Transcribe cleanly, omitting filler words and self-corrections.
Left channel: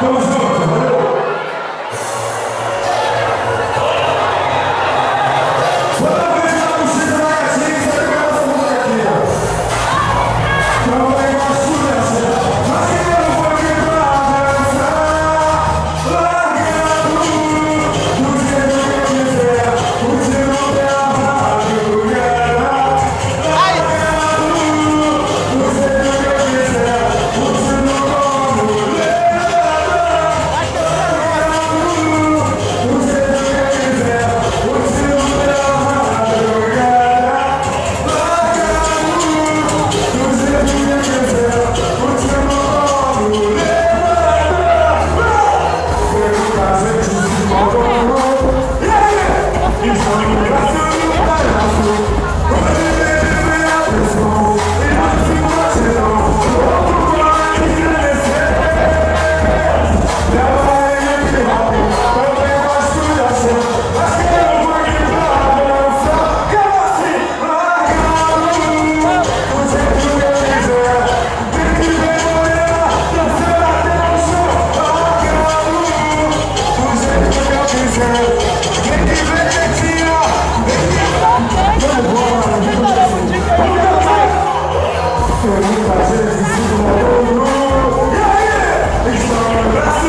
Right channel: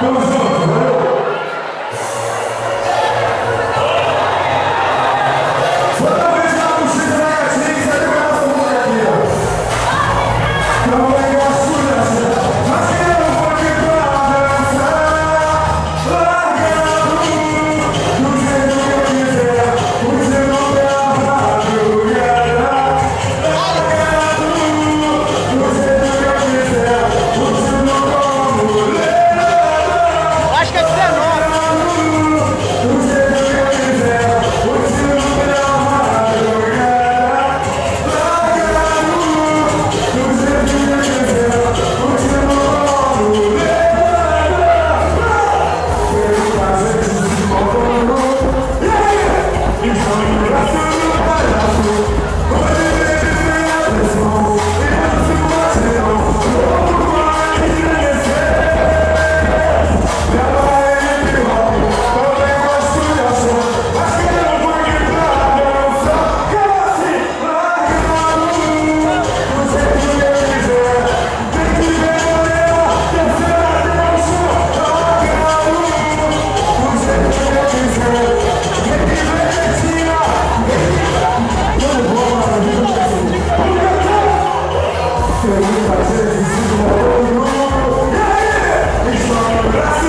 Tamo junto, valeu! Toda vez que eu consigo na gatinha, sabe que eu gosto muito aqui, ó. Então o negócio dessa, mas que eu não vou aqui pra dançar. Largando, do jeito que eu quiser, você não tem a madrugada. Largando, do jeito que eu quiser, você não como levar. Acho que é 19. Do jeito que eu quiser, você não tem a madrugada. Largando, do jeito que eu quiser, você não como levar. Pelo prazer de se mover, estão no braço do palhaço. Hoje ele vem a pressão, e não se vacilou. Louco vai estremecer. Minha barriga de hip-hop, também gosto de ação. Mas que eu vou aqui pra dançar. Como assim? Largado, do jeito que eu quiser. Vem que vem morena, dançando até o chão. Largado, do jeito que eu quiser. Vem que vem quietinha, vem que vem. Vamos embora, vamos cantar. Tem muita gente se mostrando. E aí? Estão no braço